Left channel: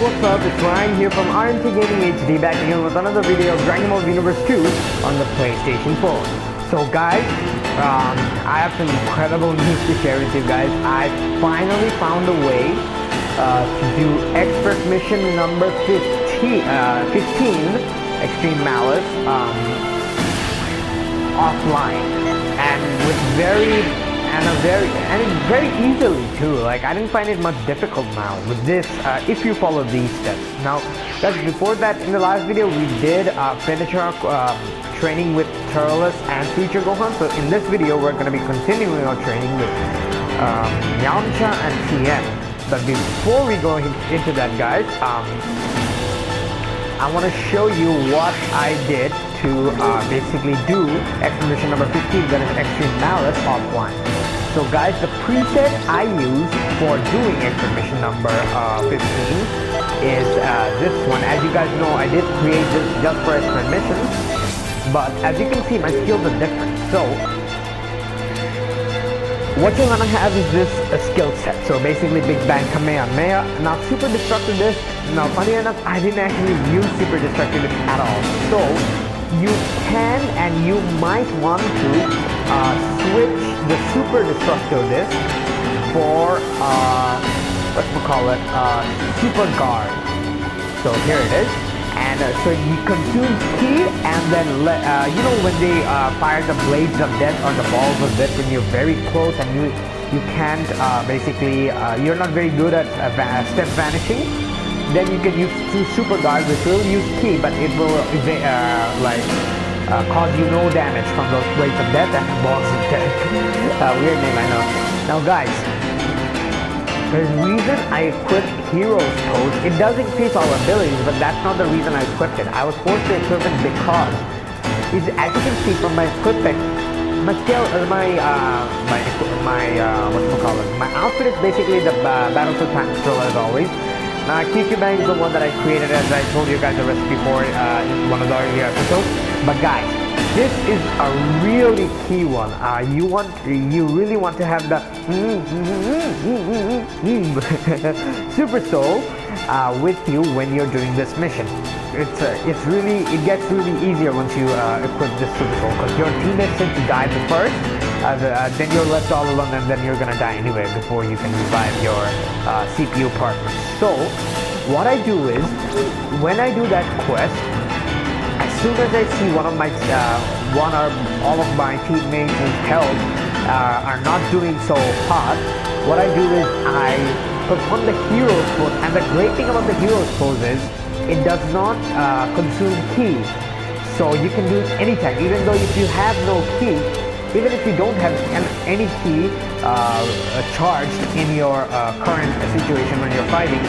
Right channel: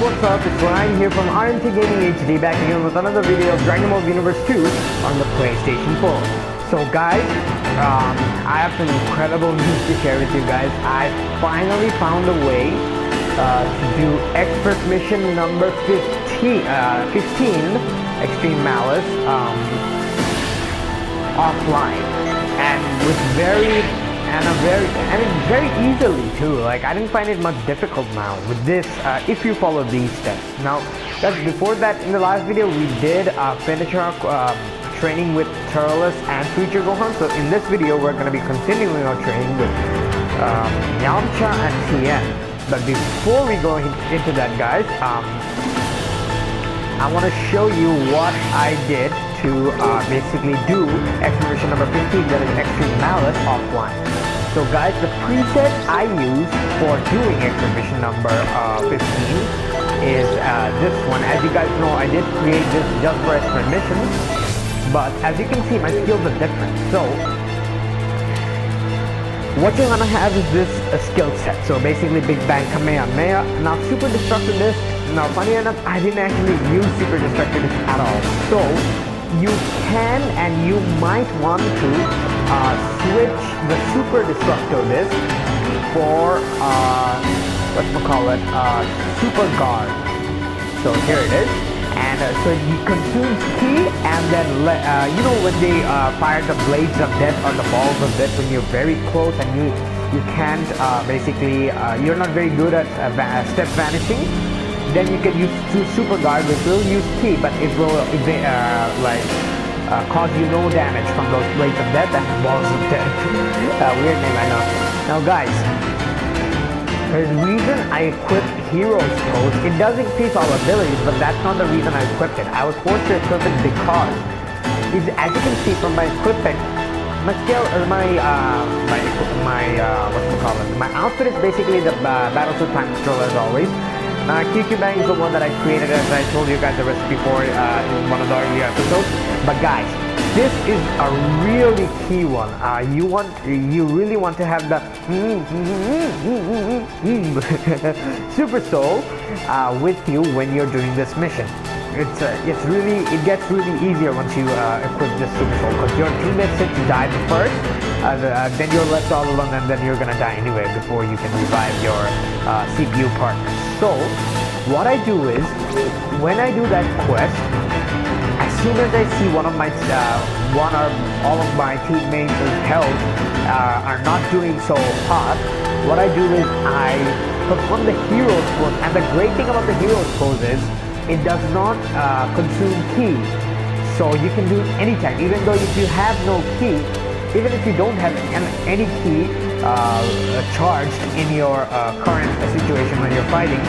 what's up? It's Ryan here from RMT Gaming HD, back again with another video of Dragon Ball Xenoverse 2 on the PlayStation 4. So guys, I have some incredible news to share with you guys. I finally found a way to do expert mission number 15, Extreme Malice, offline, and with very easily too. Like, I didn't find it much difficult now with this if you follow these steps. Now guys, before that, in the last video we did finish our training with Turles and Future Gohan. So in this video we're going to be continuing our training with YAMCHA and TIEN. But before we go into that, guys, I want to show you what I did to basically do expedition number 15, that is Extreme Malice, offline. So guys, the preset I use for doing expedition number 15 is this one. As you guys know, I did create this just for expert missions, but as you can see, my skills are different. So what you're gonna have is this skill set. So basically, Big Bang Kamehameha. Now Super Destructive Disc. Now funny enough, I didn't actually use Super Destructive Disc at all. So you can and you might want to switch the Super Destructive Disc for Super Guard. So here it is. And so it consumes ki, and then you know when they fire the blades of death or the balls of death when you're very close and you can't basically you're not very good at step vanishing, then you can use Super Guard, which will use ki, but it will cause you no damage from those blades of death and the balls of death. Weird name, I know. Now guys, there's a reason I equipped Heroes Pose. It does increase all abilities, but that's not the reason I equipped it. I was forced to equip it because, as you can see from my equipment, my outfit is basically the Battle Suit Time Controller as always. Now QQ Bang is the one that I created, as I told you guys the recipe for in one of the earlier episodes. But guys, this is a really key one. You really want to have the Super Soul with you when you're doing this mission. It gets really easier once you equip this Super Soul, because your teammates tend to die the first, then you're left all alone, and then you're gonna die anyway before you can revive your CPU partners. So what I do is, when I do that quest, as soon as I see one or all of my teammates' health are not doing so hot, what I do is I perform the Heroes Pose. And the great thing about the Heroes Pose is it does not consume ki, so you can do it anytime. Even though if you have no ki, even if you don't have any ki charged in your current situation when you're fighting,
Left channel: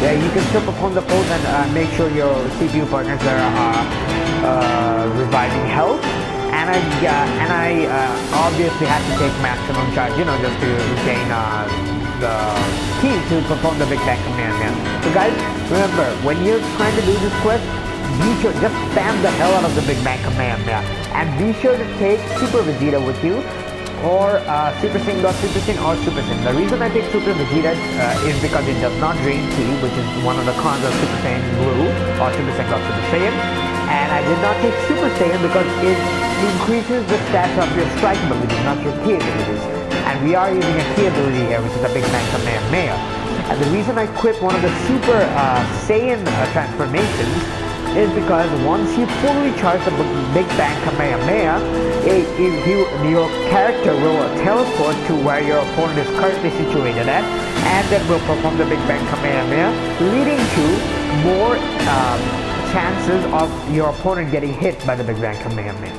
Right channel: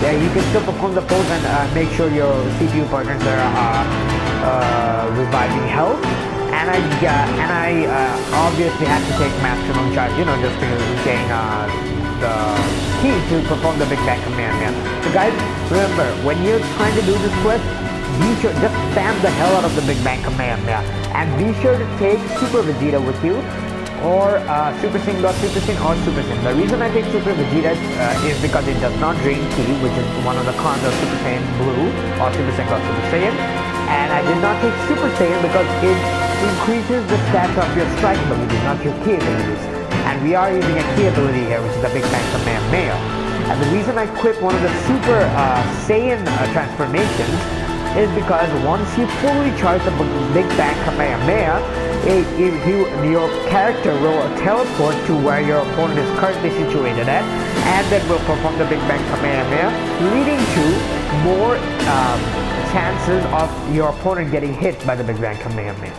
yeah, you can still perform the pose and make sure your CPU partners are reviving health. And I obviously have to take maximum charge, you know, just to gain the key to perform the Big Bang Kamehameha. So guys, remember, when you're trying to do this quest, be sure, just spam the hell out of the Big Bang Kamehameha, and be sure to take Super Vegeta with you, or Super Saiyan God, Super Saiyan, or Super Saiyan. The reason I take Super Vegeta is because it does not drain ki, which is one of the cons of Super Saiyan Blue or Super Saiyan God, Super Saiyan. And I did not take Super Saiyan because it increases the stats of your strike abilities, not your ki abilities. And we are using a ki ability here, which is the Big Bang Kamehameha. And the reason I quit one of the Super Saiyan transformations is because once you fully charge the Big Bang Kamehameha, your character will teleport to where your opponent is currently situated at, and then will perform the Big Bang Kamehameha, leading to more chances of your opponent getting hit by the Big Bang Kamehameha.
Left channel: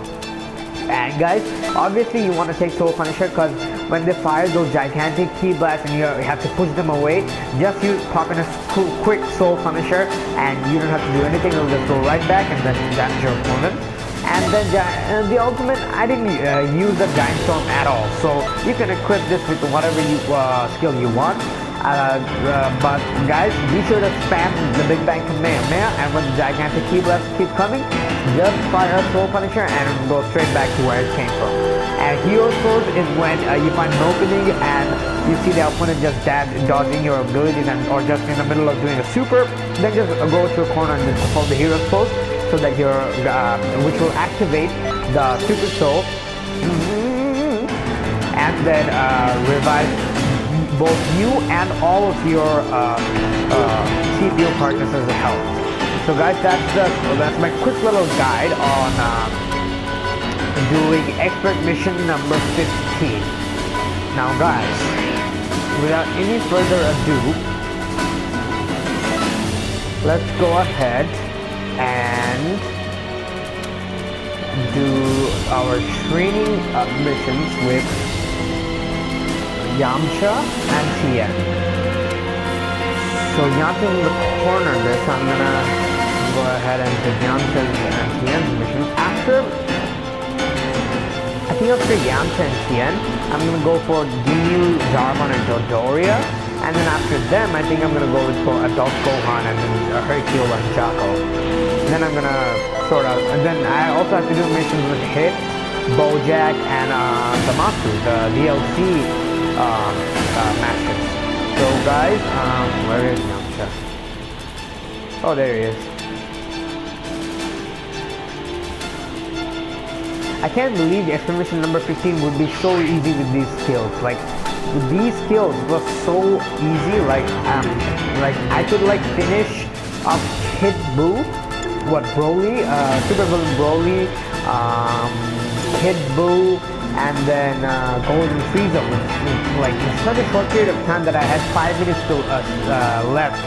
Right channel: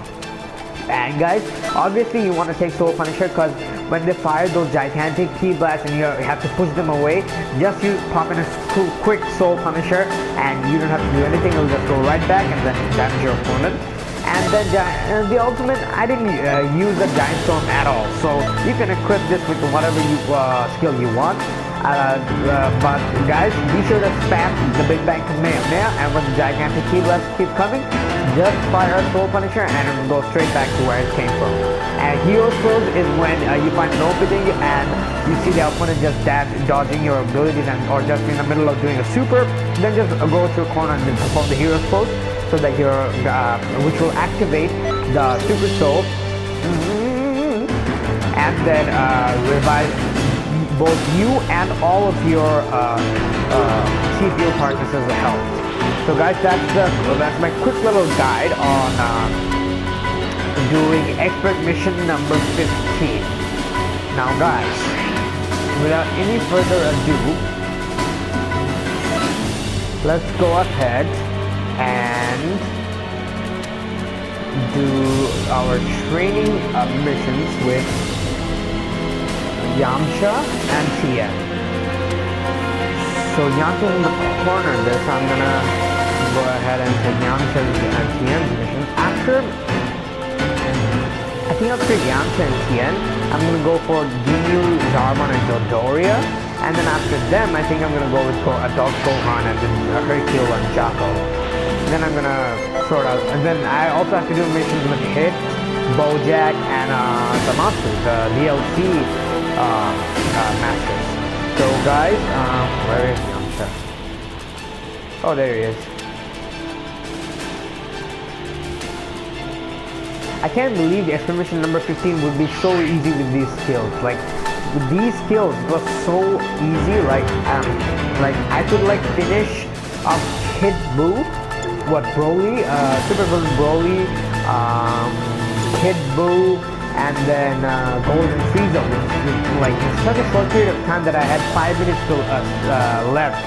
And guys, obviously you want to take Soul Punisher, because when they fire those gigantic ki blasts and you have to push them away, just pop in a quick Soul Punisher and you don't have to do anything. It'll just go right back and then damage your opponent. And then the ultimate, I didn't use the Giant Storm at all, so you can equip this with whatever skill you want. But guys, be sure to spam the Big Bang Kamehameha, and when the gigantic ki blasts keep coming, just fire a Soul Punisher and go straight back to where it came from. And hero's pose is when you find an opening and you see the opponent just dodging your abilities and or just in the middle of doing a super, then just go to a corner and then perform the hero's pose so that your which will activate the super soul and then revive both you and all of your CPU partners' health. So guys, that's my quick little guide on doing expert mission number 15. Now guys, without any further ado, let's go ahead and do our training missions with YAMCHA and TIEN. So YAMCHA's in the corner of this, so I'm gonna go ahead and take YAMCHA's and TIEN's missions. After YAMCHA and TIEN, I'm gonna go for Ginyu, Zarbon, and Dodoria. And then after them, I think I'm gonna go with Adult Gohan and then Hercule and Jaco. Then I'm gonna sort out, and then I also have to do missions with Hit, Bojack, and Zamasu, the DLC masters. So guys, where is Yamcha? Oh, there he is. I can't believe the expedition number 15 would be so easy with these skills. Like with these skills, it was so easy. Like I could like finish off Kid Buu, Broly, Super Villain Broly, Kid Buu, and then Golden Frieza, which like in such a short period of time that I had 5 minutes to left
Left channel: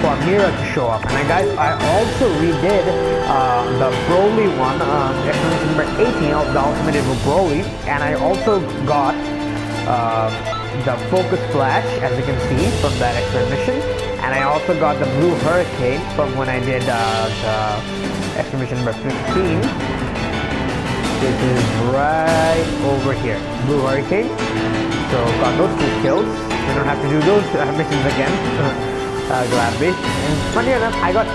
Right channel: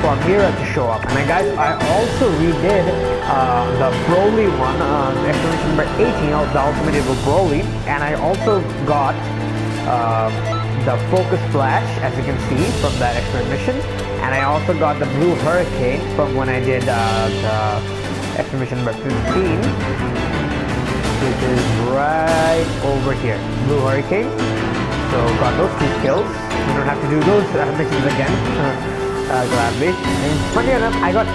for Mira to show up. And I also redid the Broly one, explanation number 18 of the Ultimate Evil Broly, and I also got the Focus Flash, as you can see from that expedition, and I also got the Blue Hurricane from when I did the expedition number 15, which is right over here, Blue Hurricane. So got those two skills. We don't have to do those missions again, gladly. And funny enough, I got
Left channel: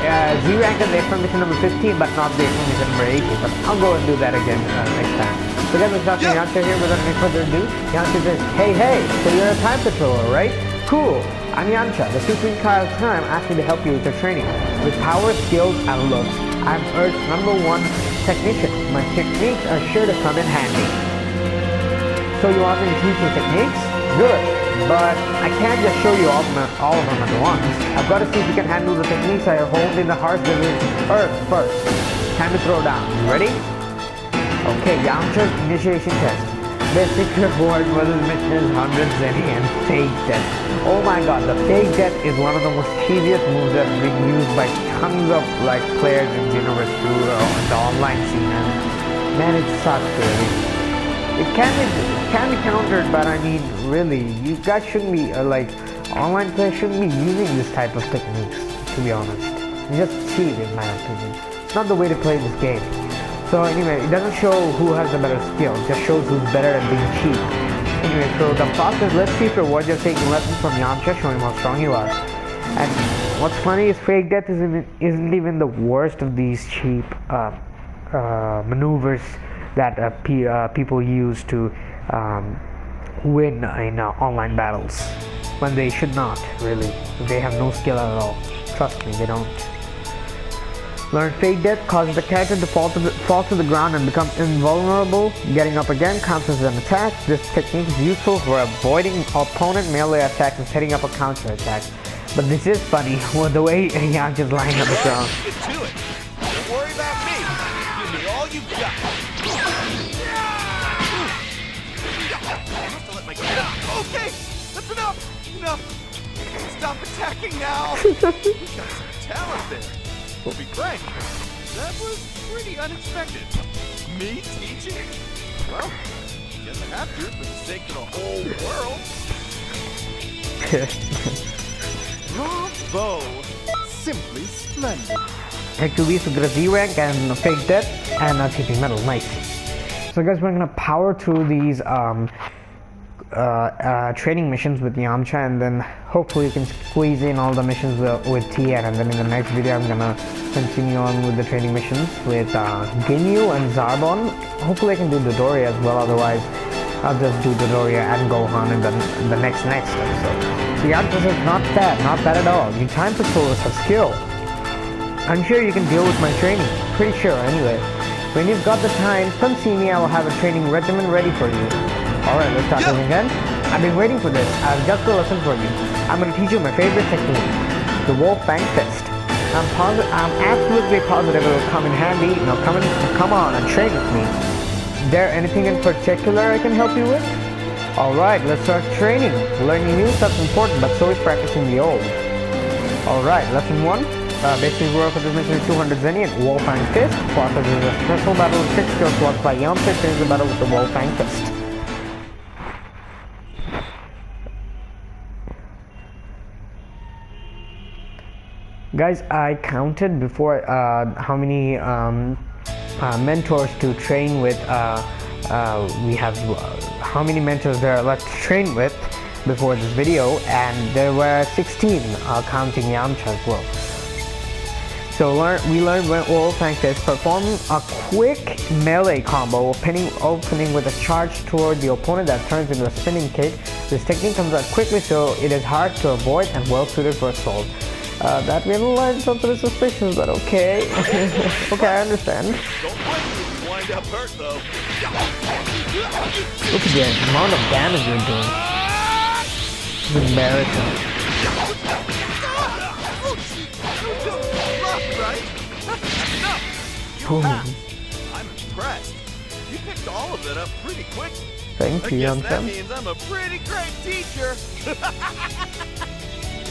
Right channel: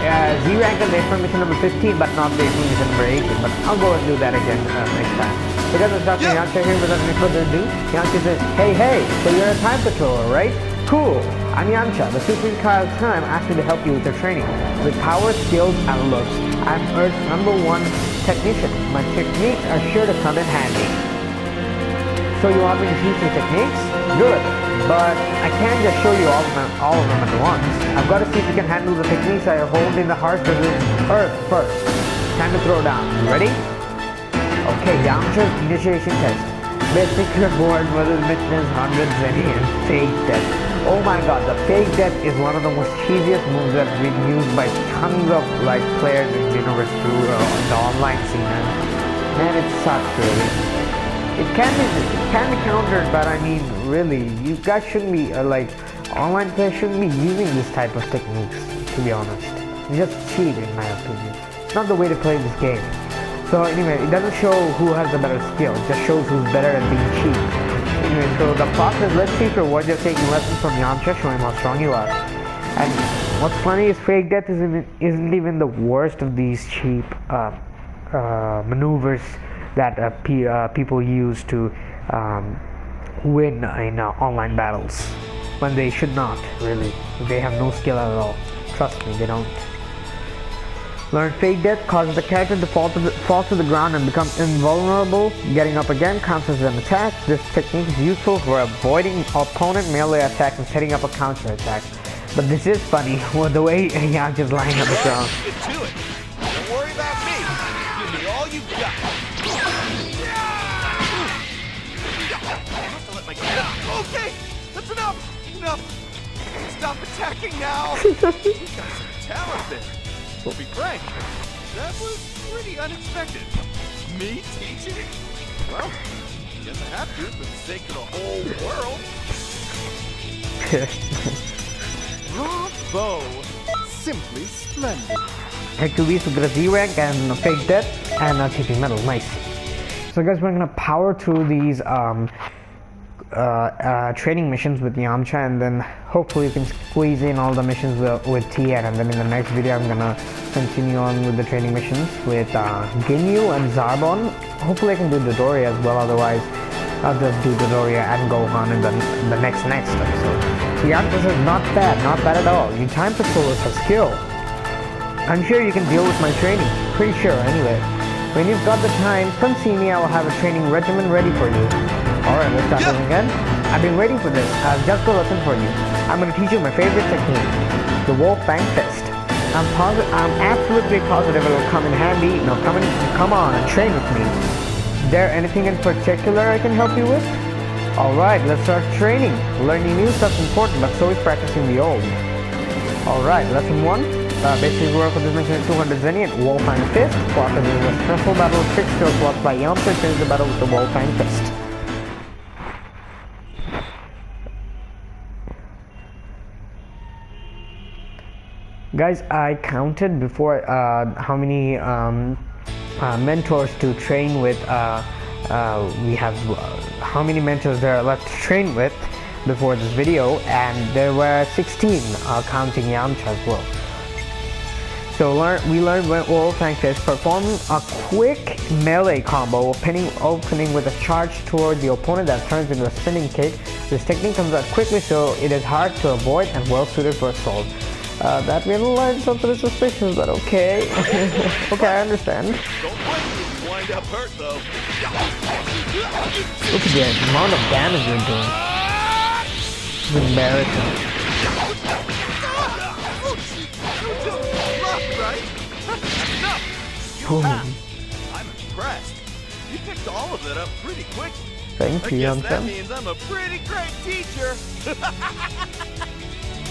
Z rank in the expedition number 15, but not the expedition number 18. But I'll go and do that again next time. So guys, let's start with Yamcha here without any further ado. Yamcha says, hey, so you're a time patroller, right? Cool, I'm Yamcha, the Supreme Kai of Time asked me to help you with your training. With power, skills, and looks, I'm Earth's #1 technician. My techniques are sure to come in handy. So you want me to teach you techniques? Good, but I can't just show you all of them at once. I've got to see if you can handle the techniques I hold in the harsh desert Earth first. Time to throw down. You ready? Okay, Yamcha's initiation test. Basic reward for this mission is 100 Zenny and Fake Death. Oh my god, the Fake Death is one of the most cheesiest moves that have been used by tons of like players in Xenoverse 2 in the online scene, and man, it sucks really. It can be countered, but I mean, really, you guys shouldn't be online players shouldn't be using this type of techniques. To be honest, it's just cheap in my opinion. It's not the way to play this game. So anyway, it doesn't show who has the better skill, it just shows who's better at being cheap. Anyway, so the process, let's see if you're worthy of taking lessons from Yamcha, show him how strong you are. And what's funny is Fake Death isn't even the worst of these cheap maneuvers that people use to win in online battles. When they should not, really. They have no skill at all. Trust me, they don't. Learn Fake Death causes the character to fall to the ground and become invulnerable. Getting up again counts as an attack. This technique is useful for avoiding opponent melee attacks and setting up a counter attack. But this is funny, with the way Yamcha's lying on the ground. Get to it. Don't worry about me. Give me all you got. I have to let my guard down. Okay, that's enough. Stop attacking now. You got some talent there. To be frank, that was pretty unexpected. Me teaching? Well, guess I have to for the sake of the whole world. Bravo! Simply splendid. Hercules with a Z rank and Fake Death and TP medal. Nice. So guys, we're gonna power through these training missions with YAMCHA, and then hopefully you can squeeze in all the missions with TIEN, and then in the next video I'm gonna continue on with the training missions with Ginyu and Zarbon. Hopefully I can do Dodoria as well, otherwise I'll just do Dodoria and Gohan in the next episode. So YAMCHA says not bad at all. You time patrollers have skill. I'm sure you can deal with my training. Pretty sure anyway. When you've got the time, come see me. I will have a training regimen ready for you. Alright, let's start this again. I've been waiting for this. I have just a lesson for you. I'm going to teach you my favorite technique, the Wolf Fang Fist. I'm absolutely positive it will come in handy. Now come on and train with me. Is there anything in particular I can help you with? Alright, let's start training. Learning new stuff is important, but so is practicing the old. Alright, lesson 1. Basic work for this mission is 200 Xenian, Wolf Fang Fist. Process is a special battle with 6 skill slots by YAMCHA. Trains the battle with the Wolf Fang Fist. Guys, I counted before how many mentors to train with. We have how many mentors there are left to train with before this video, and there were 16 counting YAMCHA as well. So we learned when Wolf Fang Fist perform a quick melee combo, opening with a charge toward the opponent that turns into a spinning kick. This technique comes out quickly, so it is hard to avoid and well suited for assault. That we haven't learned something suspicious, but okay. Okay, I understand. Don't blame me if you wind up hurt, though. Look at the amount of damage you're doing. It's embarrassing. Right? That's enough. You passed. I'm impressed. You picked all of it up pretty quickly. Thank you, I guess that YAMCHA. means I'm a pretty great teacher.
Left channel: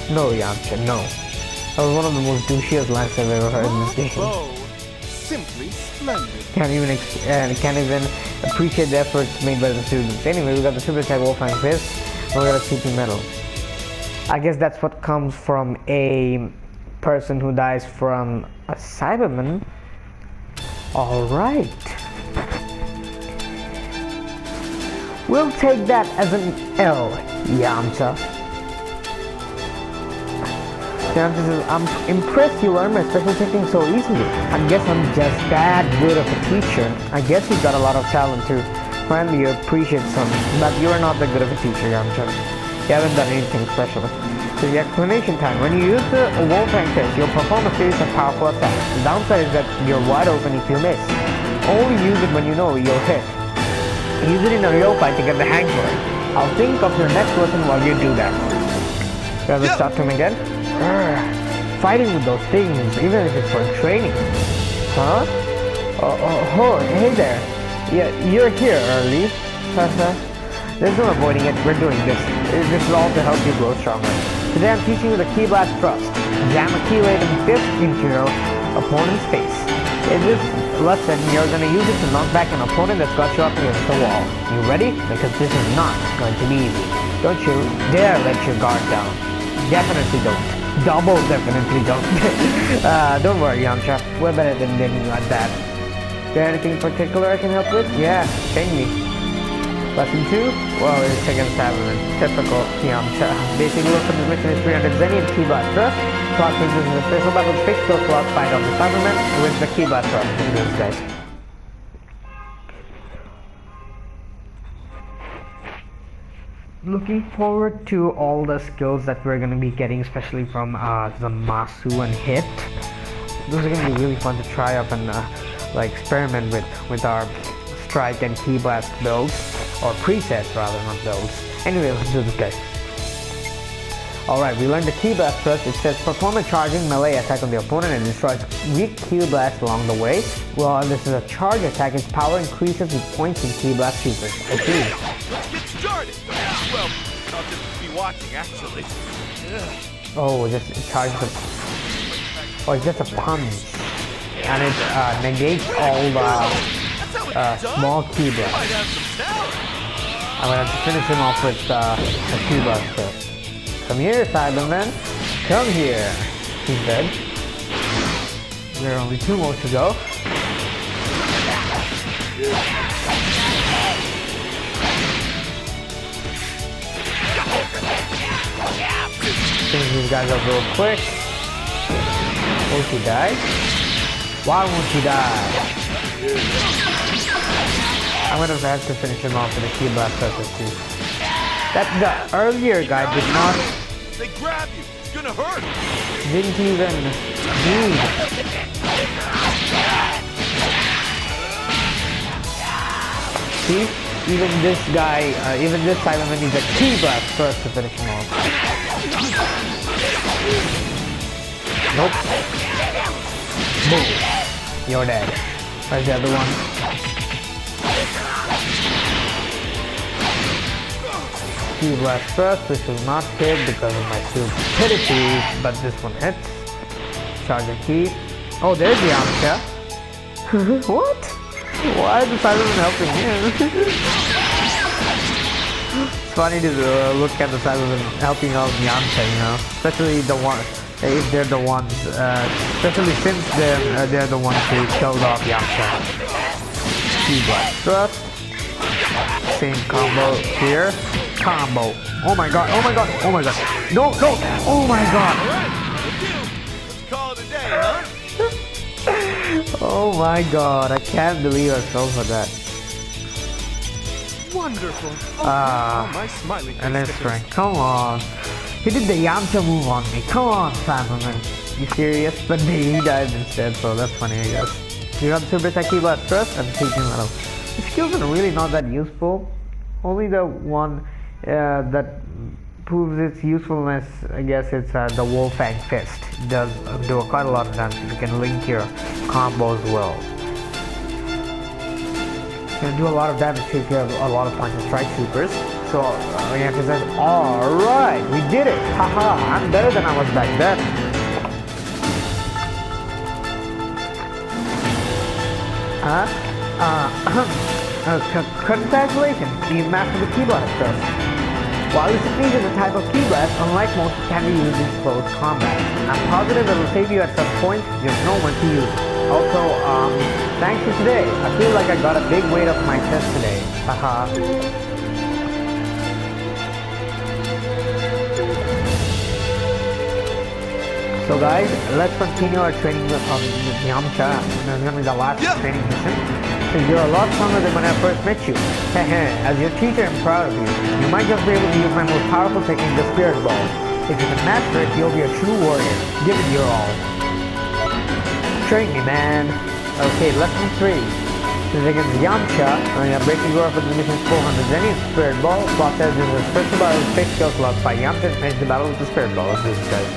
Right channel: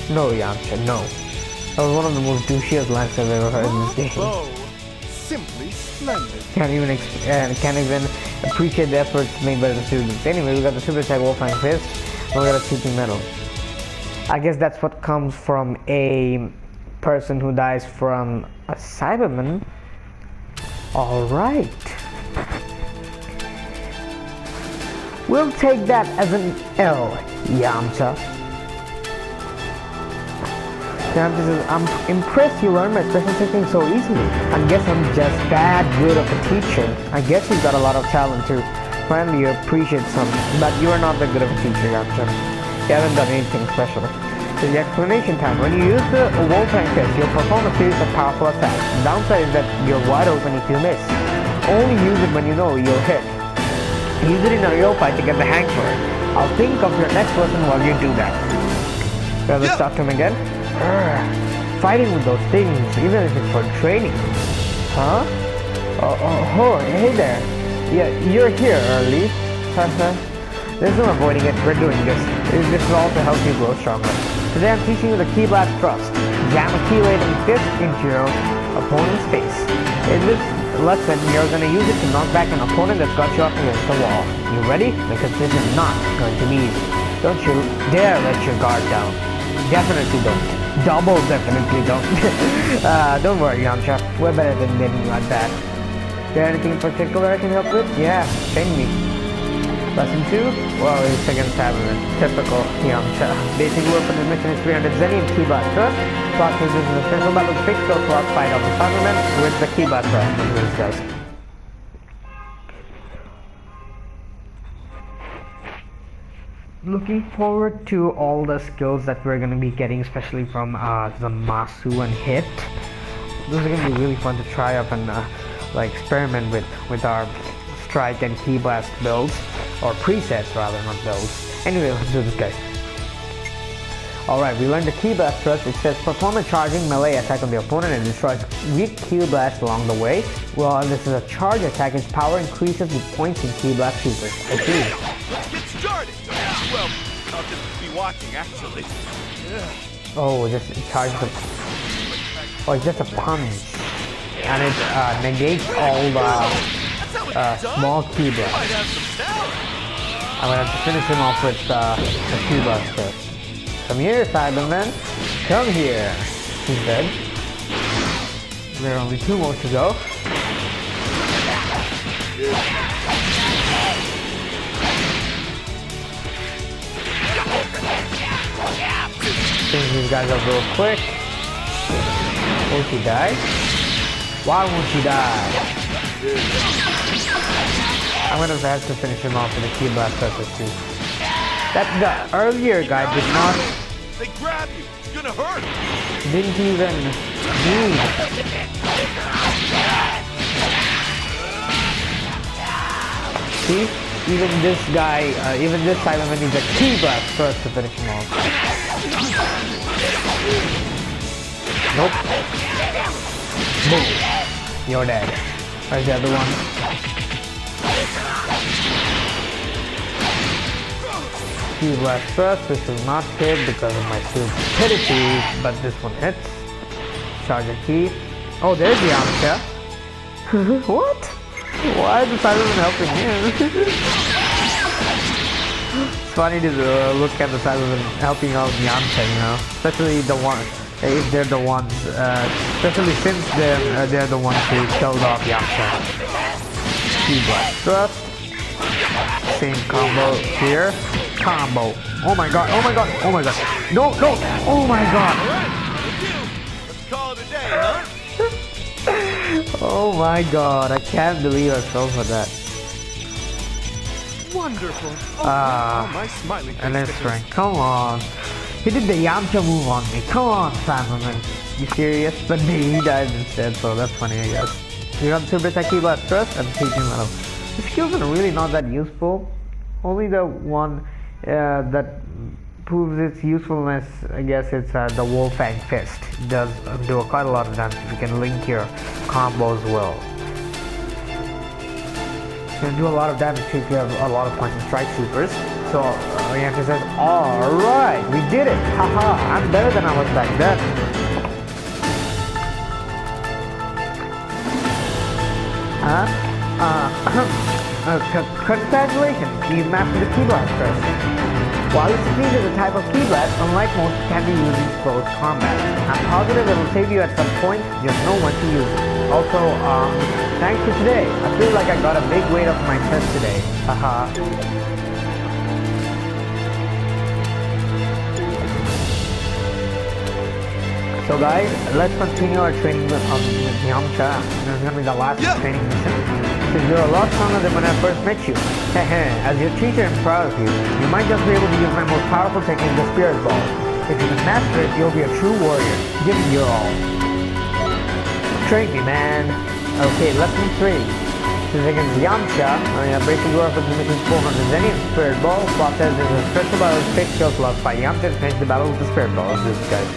No, YAMCHA, no. That was one of the most douchiest lines I've ever heard in this game. Oh, simply splendid. Can't even appreciate the efforts made by the students. Anyway, we got the super attack Wolf Fang Fist, and we got a TP medal. I guess that's what comes from a person who dies from a Cyberman. Alright. We'll take that as an L, YAMCHA. YAMCHA says, I'm impressed you learned my special technique so easily. I guess I'm just that good of a teacher. I guess you've got a lot of talent too. Finally, you appreciate some, but you are not that good of a teacher, YAMCHA. You haven't done anything special. So the explanation time. When you use the Wolf Fang Fist, you'll perform a series of powerful attacks. The downside is that you're wide open if you miss. Only use it when you know you'll hit. Use it in a real fight to get the hang for it. I'll think of your next lesson while you do that. Let's talk to him again. Fighting with those things, even if it's for training. Huh? Oh, hey there. Yeah, you're here early. There's no avoiding it. We're doing this. This is all to help you grow stronger. Today I'm teaching you the Ki Blast Thrust. Jam a Ki-laden fist into your opponent's face. In this lesson, you're going to use it to knock back an opponent that's got you up against the wall. You ready? Because this is not going to be easy. Don't you dare let your guard down. Definitely don't. Double definitely don't. Don't worry, YAMCHA. We're better than anything like that. Is there anything in particular I can help with? Yeah, train me. Lesson 2? Well, it's against Cyberman. Typical YAMCHA. Basic work for this mission is 300 Xenian Ki Blast Thrust. Plot says this is a special battle with 6 skill slots. Fight off the Cyberman with the Ki Blast Thrust. Look at this, guys. Looking forward to all the skills that we're going to be getting, especially from the Masu and Hit. Those are going to be really fun to try up and experiment with our Strike and Ki Blast builds, or presets rather, not builds. Anyway, let's do this, guys. Alright, we learned the Ki Blast Thrust. It says perform a charging melee attack on the opponent and destroys weak Ki Blast along the way. Well, this is a charge attack. Its power increases with points in Ki Blast supers. I see. Let's get started. Well, I'll just be watching, actually. Oh, just charge the... Oh, it's just a punch. And it negates all the small Ki Blast. I'm gonna have to finish him off with the Ki Blast first. Come here, Cyberman. Come here. He's dead. There are only 2 more to go. Finish these guys up real quick. Won't he die? Why won't he die? I'm gonna have to finish him off with a key blast surface too. That the earlier guy did not. They grab you. It's gonna hurt. Didn't even need. See? Even this guy, even this Cyberman needs a key blast first to finish him off. Nope. Boom. You're dead. Where's the other one? Key blast first, which will not hit because of my stupidity, but this one hits. Charge a key. Oh, there's the YAMCHA. What? Why is the Cyberman helping him? It's funny to look at the Cyberman helping out YAMCHA, you know, especially the one if they're the ones, especially since they're the ones who killed off YAMCHA. Key blast thrust. Same combo here. Combo. Oh my god! Oh my god! Oh my god! No! No! Oh my god! Let's call it a day, huh? Oh my god, I can't believe I fell for that. Wonderful. Oh, my smiley face. And let's rank. Come on. He did the YAMCHA move on me. Come on, Cyberman. You serious? But he died instead, so that's funny, I guess. You got Super Attack Key Blast Thrust and Teaching Metal. The skills are really not that useful. Only the one that proves its usefulness, I guess, it's the Wolfang Fist. It does do quite a lot of damage if you can link your combos well. It's gonna do a lot of damage if you have a lot of Punch and Strike Supers. So YAMCHA says, alright, we did it! Haha, I'm better than I was back then. Congratulations, you've mastered the Key Blast Thrust. While this technique is a type of Key Blast, unlike most, it can be used in close combat. I'm positive it'll save you at some point, just know when to use it. Also, thanks for today. I feel like I got a big weight off my chest today. Haha. So guys, let's continue our training of YAMCHA. This is gonna be the last training mission. So you're a lot stronger than when I first met you. Hehe, as your teacher, I'm proud of you. You might just be able to use my most powerful technique, the Spirit Ball. If you can master it, you'll be a true warrior. Give it your all. Train me, man. Okay, lesson 3. This is against YAMCHA. Breaking you off with the mission's 400 Xenium Spirit Ball. Plot says there's a special battle with fixed skill slots. Fight YAMCHA and finish the battle with the Spirit Ball. Let's do this, guys.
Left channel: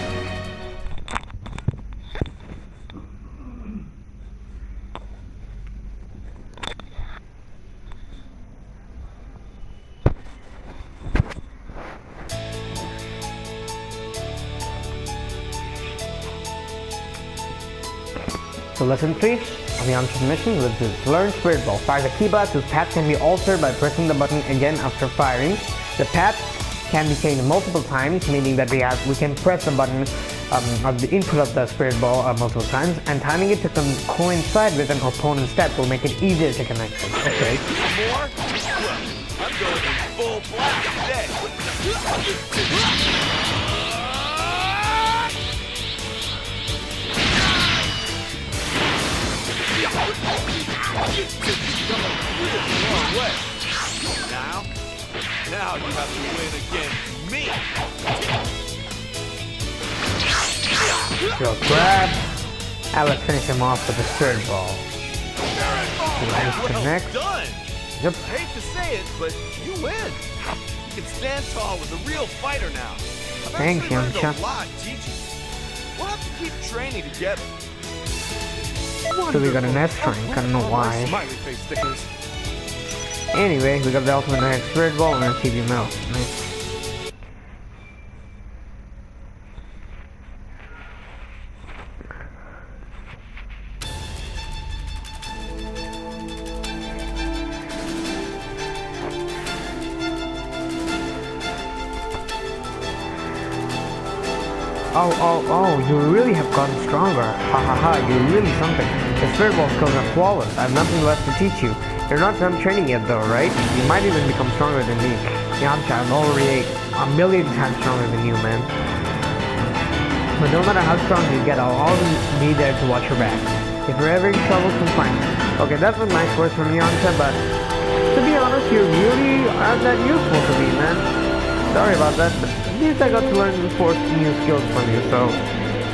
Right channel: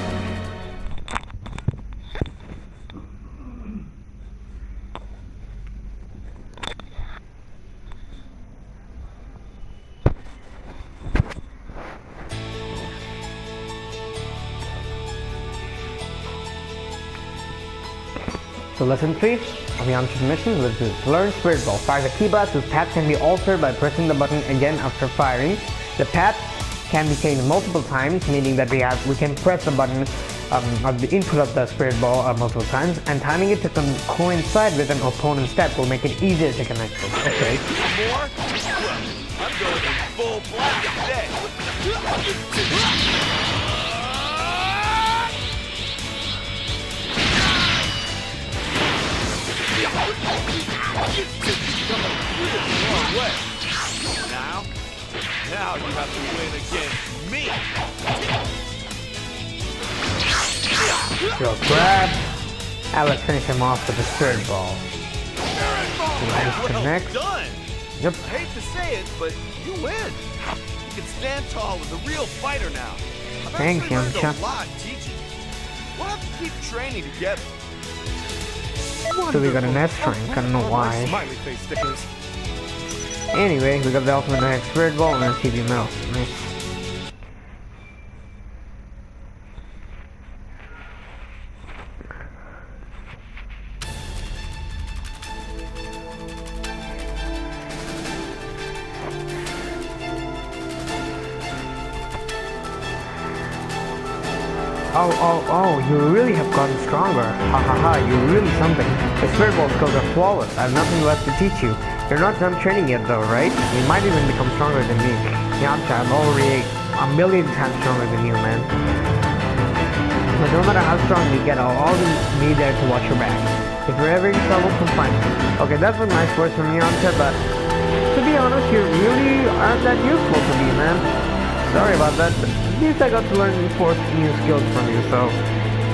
So lesson 3 of YAMCHA's mission was this. Learn Spirit Ball. Fires a key blast whose path can be altered by pressing the button again after firing. The path can be changed multiple times, meaning that we can press the button of the input of the Spirit Ball multiple times, and timing it to coincide with an opponent's step will make it easier to connect it. Okay. More? Well, I'm going in full blast today. Now you have to win against me. So grab. Now let's finish him off with the Spirit Ball. Well Connect. done. Yep. I hate to say it, but you win. You can stand tall as a real fighter now. I've Thanks, actually learned YAMCHA. a lot teaching you. We'll have to keep training together. So we got an S rank, I don't know why. Smiley face stickers. Anyway, we got the ultimate next Spirit Ball and a TV Metal. Nice. Oh, you really have gotten stronger. Ha ha ha, you're really something. The Spirit Ball skills are flawless. I have nothing left to teach you. You're not done training yet though, right? You might even become stronger than me. YAMCHA, I'm already a million times stronger than you, man. But no matter how strong you get, I'll always be there to watch your back. If you're ever in trouble, come find me. Okay, that's a nice words from YAMCHA, but to be honest, you really aren't that useful to me, man. Sorry about that, but at least I got to learn 4 new skills from you, so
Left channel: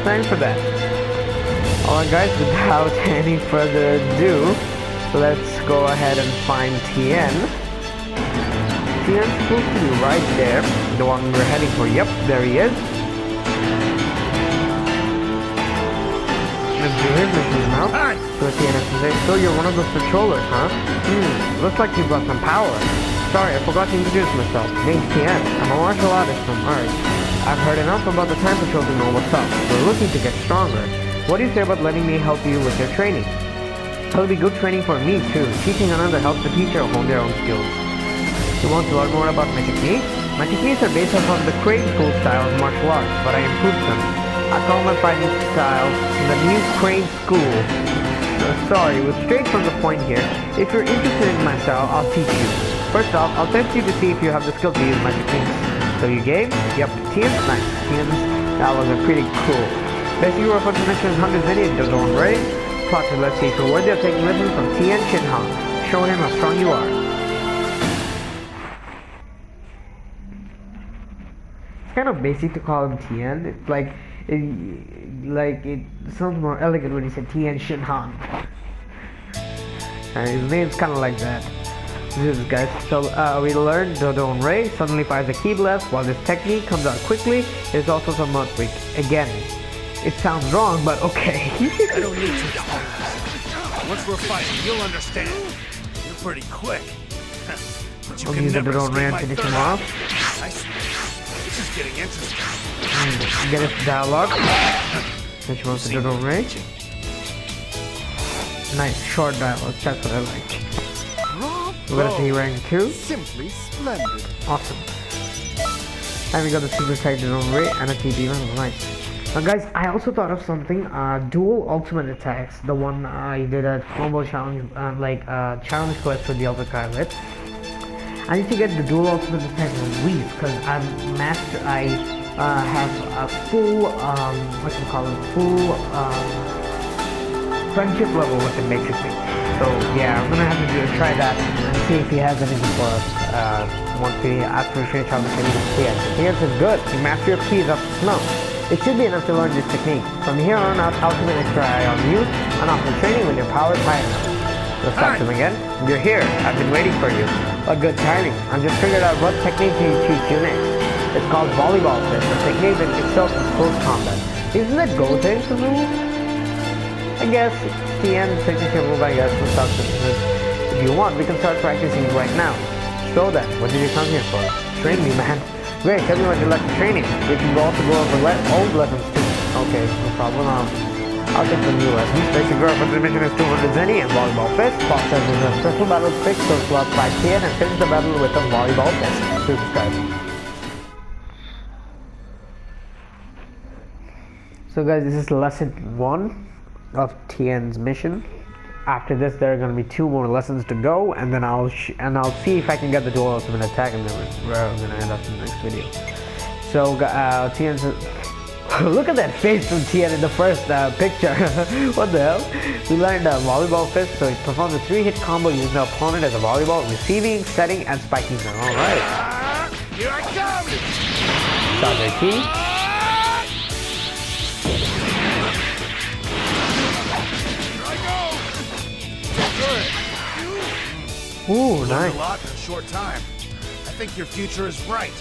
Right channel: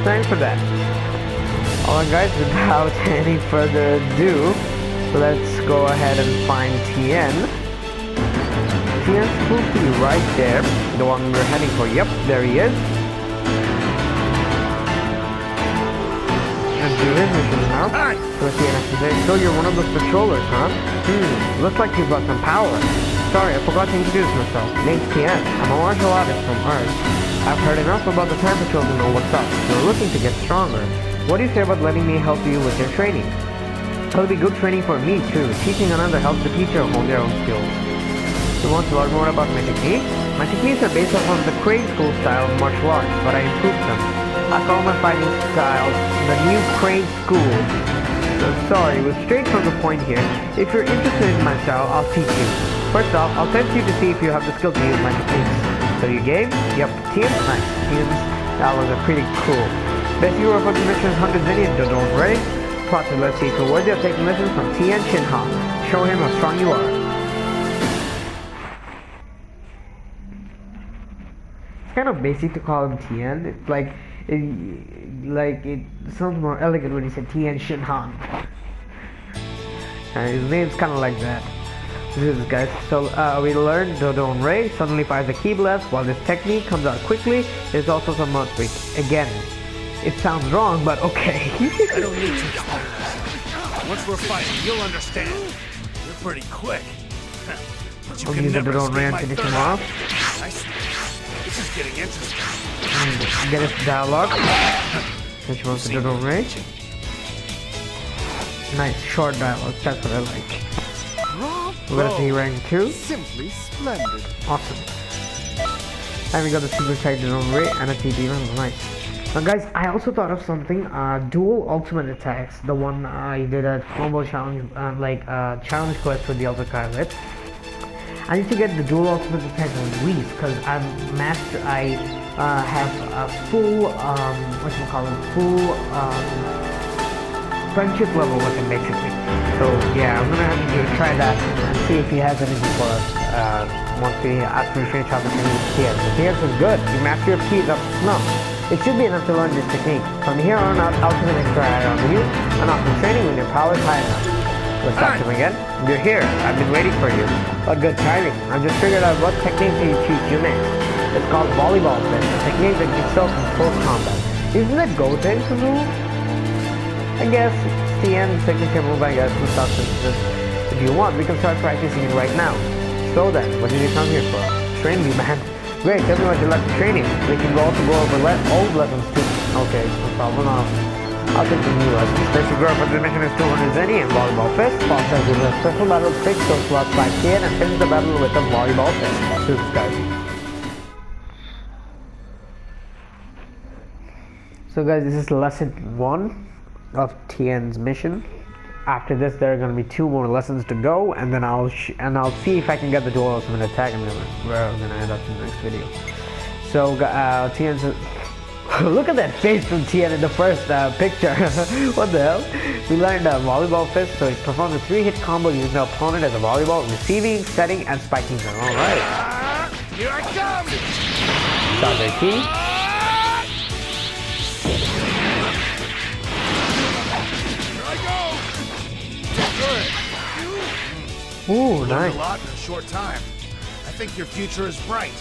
thanks for that. Alright guys, without any further ado, let's go ahead and find TIEN. TIEN's supposed to be right there, the one we're heading for. Yep, there he is. Let's do his missions now. See what TIEN has to say. So you're one of those patrollers, huh? Looks like you've got some power. Sorry, I forgot to introduce myself. Name's TIEN. I'm a martial artist from Earth. I've heard enough about the Time Patrol to know what's up. You're looking to get stronger. What do you say about letting me help you with your training? It'll be good training for me too. Teaching another helps the teacher hone their own skills. You want to learn more about my techniques? My techniques are based off of the Crane School style of martial arts, but I improved them. I call my fighting style the new Crane School. Sorry, we're straight from the point here. If you're interested in my style, I'll teach you. First off, I'll test you to see if you have the skill to use my techniques. So you game? Yep. TIEN's nice. TIEN's dialogues are pretty cool. Best hero for this mission is 100 Xenia, don't worry. Plus, let's see if you're worthy of taking lessons from TIEN Shinhan. Show him how strong you are. It's kind of basic to call him TIEN. It's like it sounds more elegant when you say TIEN Shinhan. And his name's kind of like that. This is guys. So we learned Dodon Ray suddenly fires a key blast. While this technique comes out quickly, there's also some mouth weak. Again, it sounds wrong, but okay. I don't need to explain this. Once we're fighting, you'll understand. You're pretty quick. But you can never escape my third eye. I see. This is getting interesting. Get his dialogue. Which wants to do Ray. Nice short dialogue. That's what I like. We're gonna see rank 2. Simply splendid. Awesome. And we got the super tight Dodon Ray and a TP man. Nice. Now guys, I also thought of something. Dual ultimate attacks. The one I did a combo challenge, challenge quest for the Ultra Pilot. I need to get the dual ultimate attack on Whis because I'm master. I have a full full friendship level with him basically. So yeah, I'm gonna have to try that and see if he has anything for us after we finish out the thing with TIEN. So TIEN says good. The mastery of Ki is up to snuff. It should be enough to learn this technique. From here on out, I'll keep an extra eye on you and offer training when your power is high enough. Let's talk to him again. You're here. I've been waiting for you. What good timing. I've just figured out what technique to teach you next. It's called Volleyball Fist, a technique that excels in close combat. Isn't it Gotenks move? I guess it's TIEN's signature move, I guess, with stock synthesis. If you want, we can start practicing it right now. So then, what did you come here for? Train me, man. Great, tell me what you like to training. We can also go over old lessons too. Okay, no problem. I'll take the new lessons. Basic growth for this mission is 200 Zeni and Volleyball Fist. Paul says there's a special battle to fix those slots by TIEN and finish the battle with a Volleyball Fist. Let's do this, guys. So guys, this is lesson 1 of TIEN's mission. After this, there are going to be 2 more lessons to go, and then I'll see if I can get the dual ultimate attack, and then we're going to end up in the next video. So TIEN says, look at that face from TIEN in the first picture. What the hell? We learned Volleyball Fist, so it performs a 3-hit combo using the opponent as a volleyball, receiving, setting, and spiking them. Alright. Here I come! Start their key. Ooh, nice. A lot in a short time. I think your future is bright.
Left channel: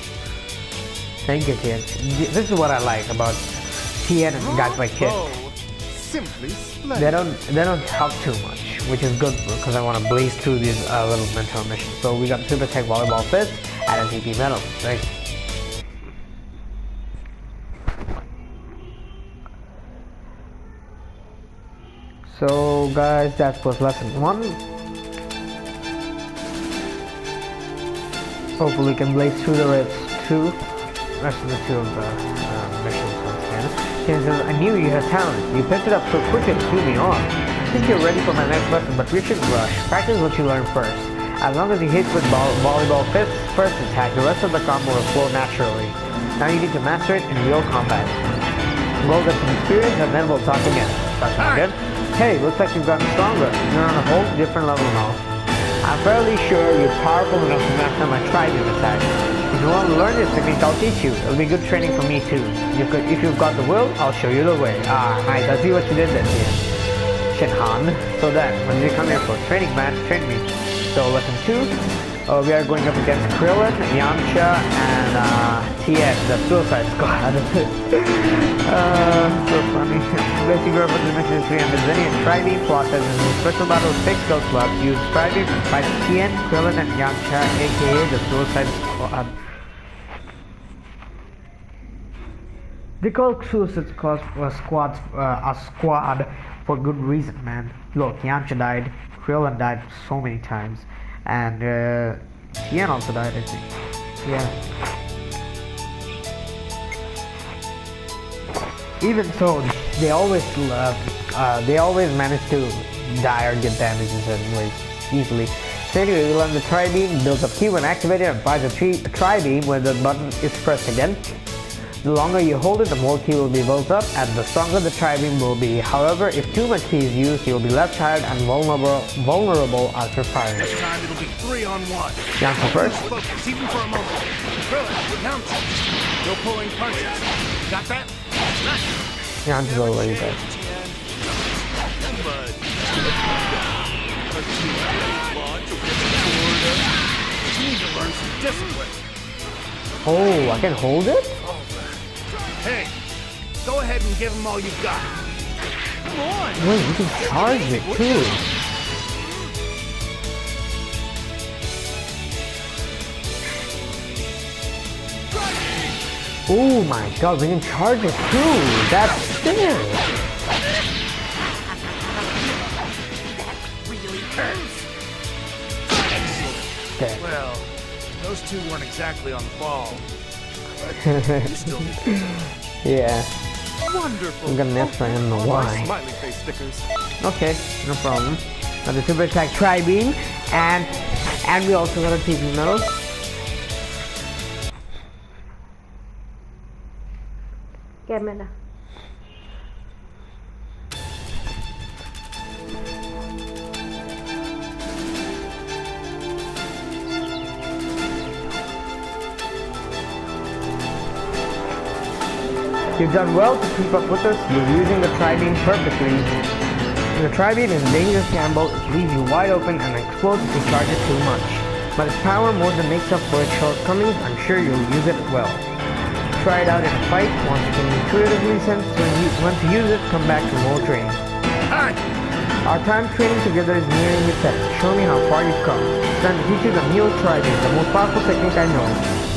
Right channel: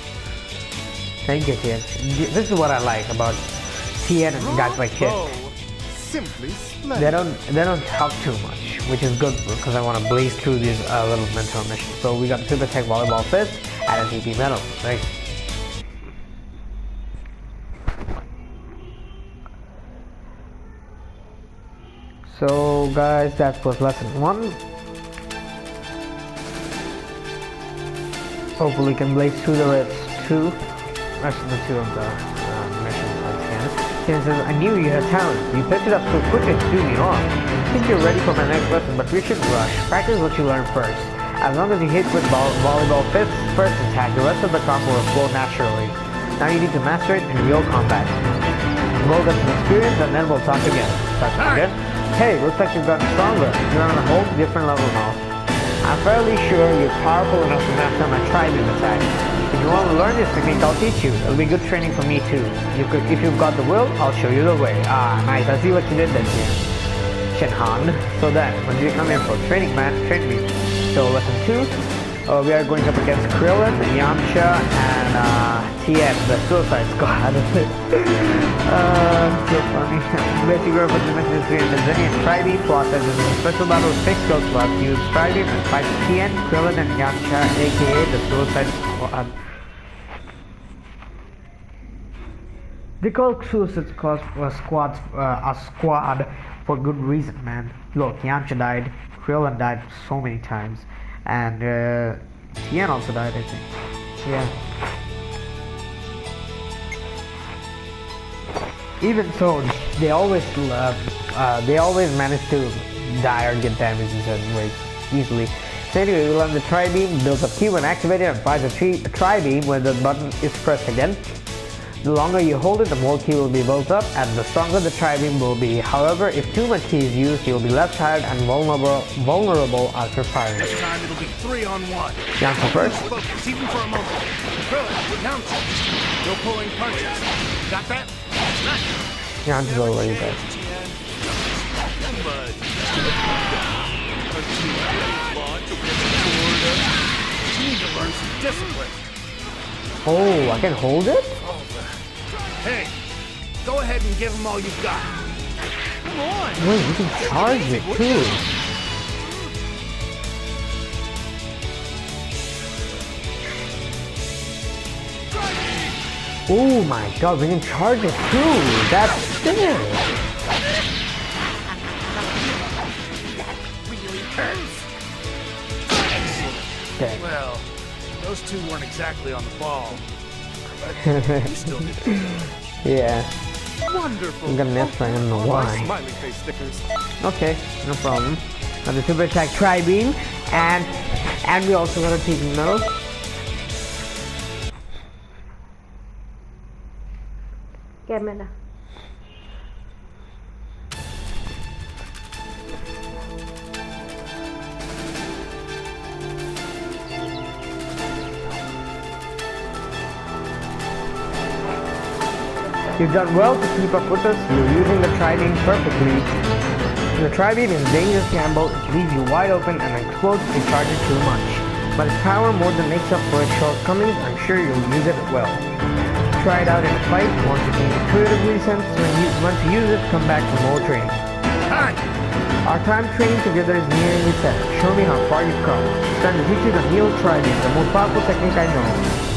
Thank you, TIEN. This is what I like about TIEN and guys like Kid. Simply splendid. They don't talk too much, which is good because I want to blaze through these little mentor missions. So we got Super Tech Volleyball Fist and a TP Medal. Nice. So guys, that was lesson 1. Hopefully we can blaze through the rest of the 2 of the missions once again. TIEN says, I knew you had talent. You picked it up so quickly and threw me off. I think you're ready for my next lesson, but we shouldn't rush. Practice what you learn first. As long as you hit with volleyball fists first attack, the rest of the combo will flow naturally. Now you need to master it in real combat. We'll get some experience and then we'll talk again. Hey, looks like you've gotten stronger. You're on a whole different level now. I'm fairly sure you're powerful enough to master my tri-beam attack. If you want to learn this technique, I'll teach you. It'll be good training for me too. If you've got the will, I'll show you the way. Ah, nice. I see what you did then, TIEN. Shenhan. So then, what did you come here for? Training match, train me. So lesson 2, we are going up against Krillin, YAMCHA, and TIEN, the Suicide Squad. So funny. Basic rule for this mission is 300 Xenian Tri-Beam. Plot says this is a special battle with fixed skill slots. Use Tri-Beam and fight TIEN, Krillin, and YAMCHA, aka the Suicide Squad. They call Suicide Squad a squad for good reason, man. Look, YAMCHA died, Krillin died so many times, and TIEN also died, I think. Yeah. Even so, they always manage to die or get damaged in certain ways easily. So anyway, we learn the Tri-Beam builds up Ki when activated and fires a Tri-Beam when the button is pressed again. The longer you hold it, the more Ki will be built up, and the stronger the Tri-Beam will be. However, if too much Ki is used, you'll be left tired and vulnerable after firing. This time it'll be 3-on-1. YAMCHA first. Focus, even for a moment. Krillin, YAMCHA. No pulling punches. Got that? Nice. YAMCHA's already dead. You need to learn some discipline. Oh, I can hold it? Hey, go ahead and give him all you've got. Come on. Wait, you can charge it too. Oh my god, we can charge it too. That's sick. That really hurts. Okay. Well, those two weren't exactly on the ball. But you still did good. Yeah. Wonderful. I'm gonna nest right, I don't know why. Smiley face stickers. Okay, no problem. Now the super attack Tri-Beam, and we also got a TV medal. Cámara. You've done well to keep up with us. You're using the Tri-Beam perfectly. The Tri-Beam is a dangerous gamble. It leaves you wide open and explodes if you charge it too much. But its power more than makes up for its shortcomings. I'm sure you'll use it well. Try it out in a fight. Once you can intuitively sense when to use it, come back for more training. Hi. Our time training together is nearing its end. Show me how far you've come. It's time to teach you the Neo Tri-Beam, the most powerful technique I know.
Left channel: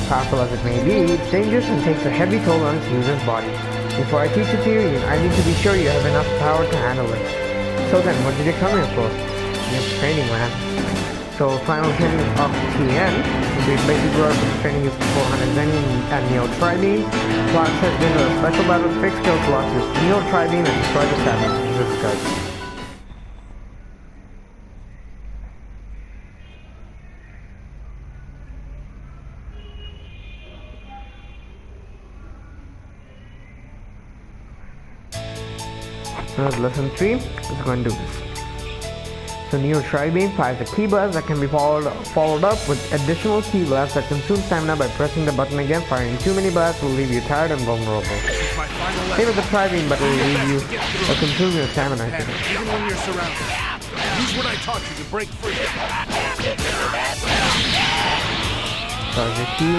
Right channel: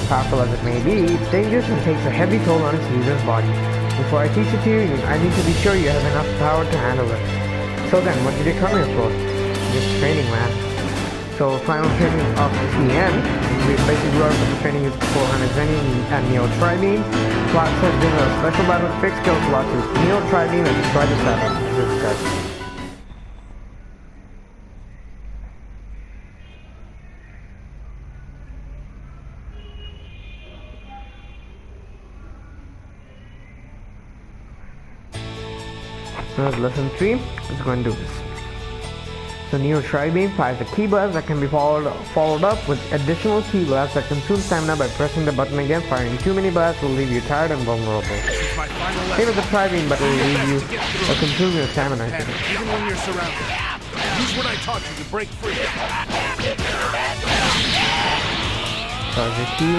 Powerful as it may be, it's dangerous and takes a heavy toll on its user's body. Before I teach it to you, I need to be sure you have enough power to handle it. So then, what did you come here for? Just training, man. So, final training of TIEN. The basic rule for this training is 400 Xenian and Neo Tri-Beam. Plot said this is a special battle with fixed skill slots. Use Neo Tri-Beam and destroy the Sabbath. This is guys. Lesson 3 is going to do this. So Neo Tri-Beam fires a Ki blast that can be followed up with additional Ki blasts that consume stamina by pressing the button again. Firing too many blasts will leave you tired and vulnerable. Same with the Tri-Beam, but it will leave you or consume your stamina. Even when you're surrounded, use what I taught you to break free. Charge your Ki.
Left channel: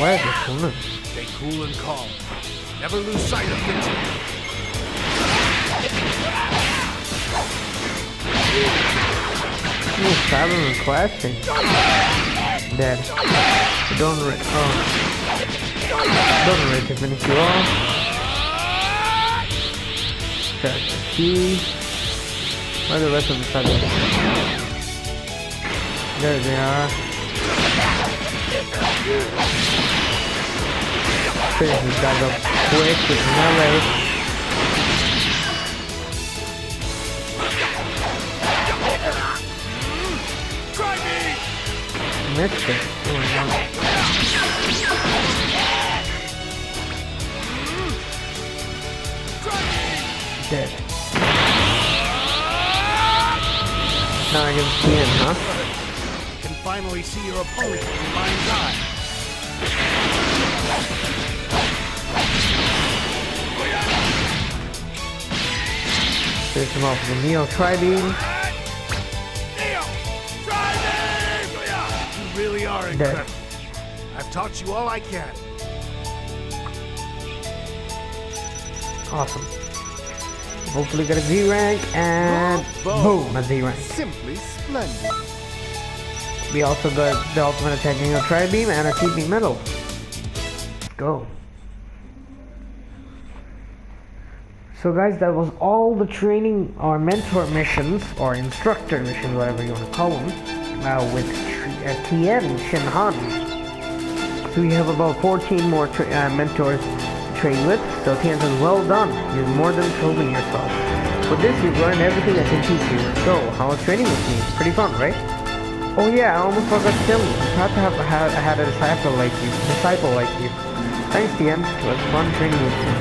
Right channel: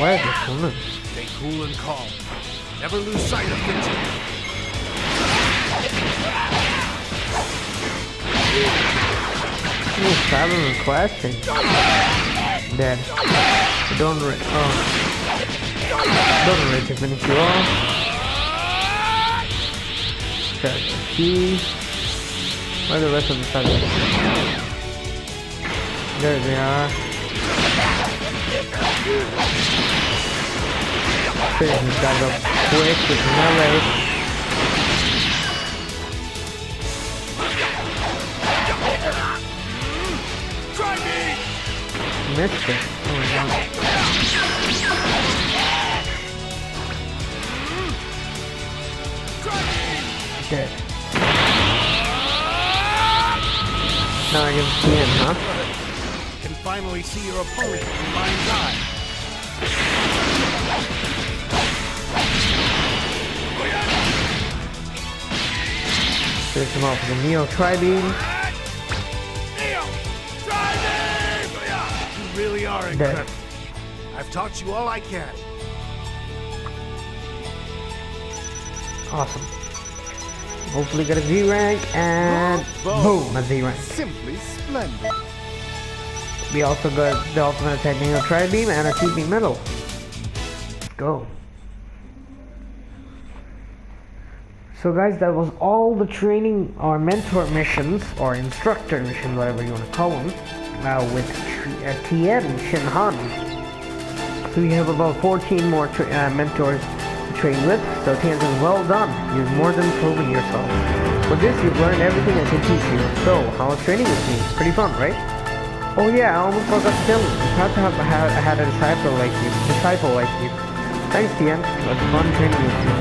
Where is this woman? Stay cool and calm. Never lose sight of the team. Oh, Fathom and clashing. Dead. Don't rage to finish you off. Charge the Ki. Where are the rest of the Fathom? There they are. Finish this guy up quick with melee. missed it. Oh my god. Dead. Now I get TIEN, huh? Can finally see your opponent in your mind's eye. Finish him off with the Neo Tri-Beam. Neo! Try me! You really are incredible. I've taught you all I can. Awesome. Hopefully get a Z rank and boom, a Z rank. Simply splendid. We also got the ultimate attack Neo Tri-Beam and a keeping medal. Let's go. So guys, that was all the training or mentor missions or instructor missions, whatever you want to call them, with TIEN Shinhan. So we have about 14 more mentors to train with. So TIEN says, well done, you've more than proven yourself. With this, you've learned everything I can teach you. So, how was training with me? Pretty fun, right? Oh yeah, I almost forgot to tell you. I'm proud to have had a disciple like you. Thanks, TIEN. It was fun training with you.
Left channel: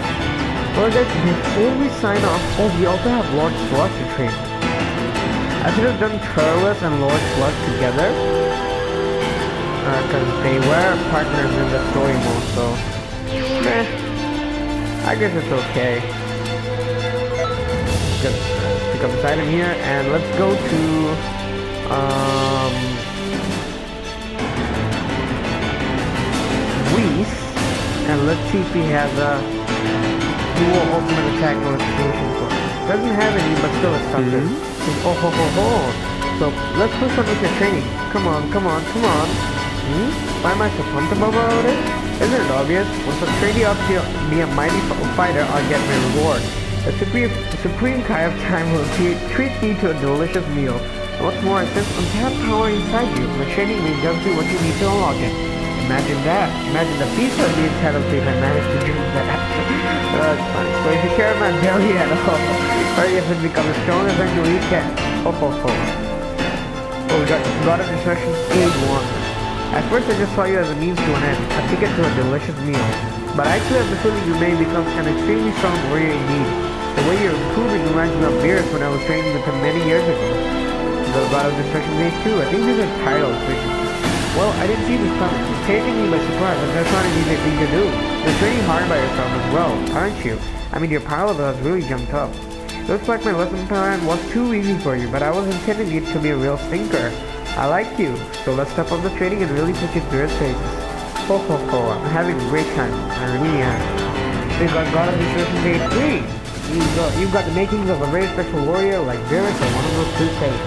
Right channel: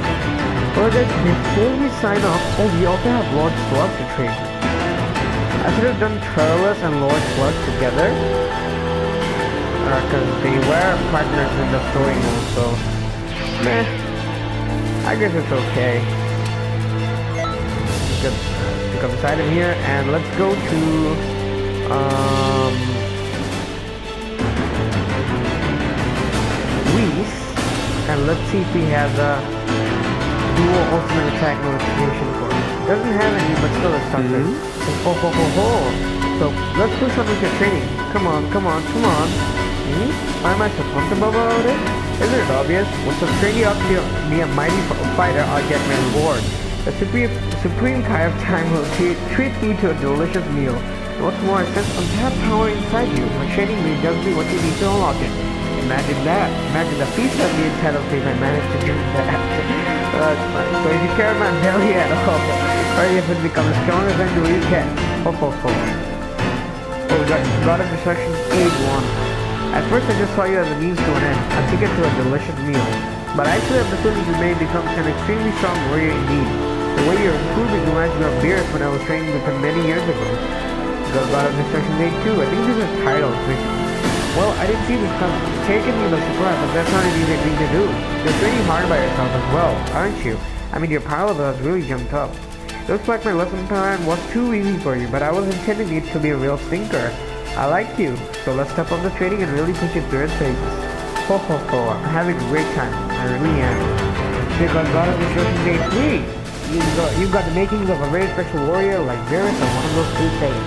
Well guys, before we sign off, we also have Lord Slug to train. I should have done Turles and Lord Slug together, because they were partners in the story mode, so meh, I guess it's okay. Let's pick up this item here, and let's go to Whis, and let's see if he has a dual ultimate attack notification for us. Doesn't have any, but still it's something. Says, oh ho ho ho. So let's push on with your training. Come on, come on, come on. Why am I so pumped about it? Isn't it obvious? Once I've trained you up to be a mighty fighter, I'll get my reward. The supreme Kai of time will treat me to a delicious meal. And what's more, I sense untapped power inside you. My training may just be what you need to unlock it. Imagine that. Imagine the feast I'd be entitled to if I managed to do that. That's funny. So if you care about my belly at all, hurry up and become as strong as I know you can. Ho ho ho. Oh, we got God of Destruction's Aid 1. At first I just saw you as a means to an end, a ticket to a delicious meal. But I actually have the feeling you may become an extremely strong warrior indeed. The way you're improving reminds me of Beerus when I was training with him many years ago. God of Destruction's Aid 2. I think these are titles, basically. Well, I didn't see this coming. It's taken me by surprise, but that's not an easy thing to do. You're training hard by yourself as well, aren't you? I mean, your power level has really jumped up. Looks like my lesson plan was too easy for you, but I was intending it to be a real stinker. I like you, so let's step up the training and really put you through its paces. Ho ho ho, I'm having a great time. I really am. So you got God of Destruction's Aid 3. You've got the makings of a very special warrior like Beerus or one of those two Saiyans.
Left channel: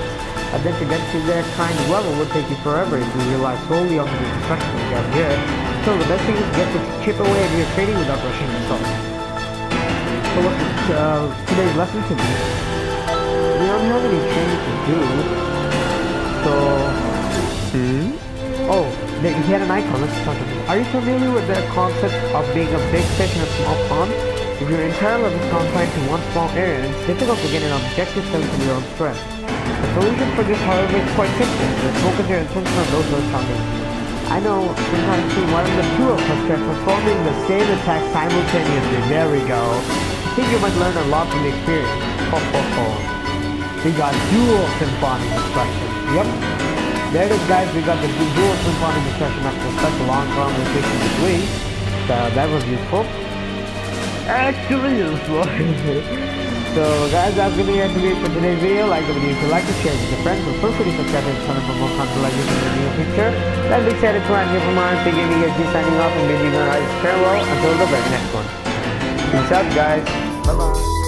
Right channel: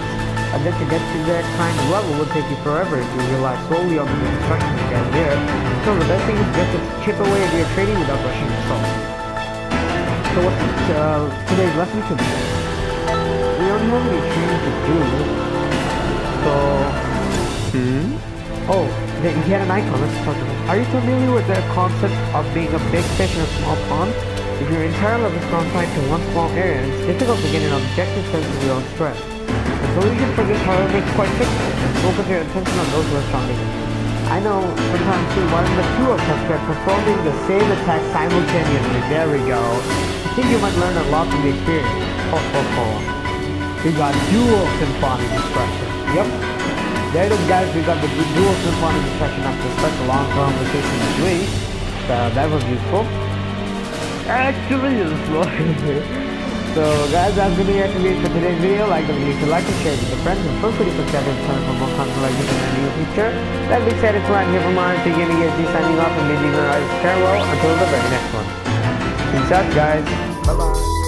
But then to get to that kind of level would take you forever if you rely solely on the instruction you get here. So the best thing is to get to chip away at your training without rushing yourself. So what's today's lesson to be? We don't have any training to do. So... Oh, he had an icon. Let's talk to him. Are you familiar with the concept of being a big fish in a small pond? If your entire life is confined to one small area, it's difficult to get an objective sense of your own strength. The solution for this, however, is quite simple. Just focus your attention on those who are stronger than you. I know, sometime soon, why don't the two of us try performing the same attack simultaneously? There we go. I think you might learn a lot from the experience. Ho ho ho. We got dual symphonic destruction. Yep. There it is, guys. We got the dual symphonic destruction after such a long conversation with Whis. So that was useful. Actually useful. So guys, that's gonna be it for today's video. Like the video if you like it, share it with your friends, and feel free to subscribe to the channel for more content like this in the near future. That being said, it's Ryan here from RMC Gaming HD signing off and bidding you guys farewell until the very next one. Peace out, guys. Bye bye.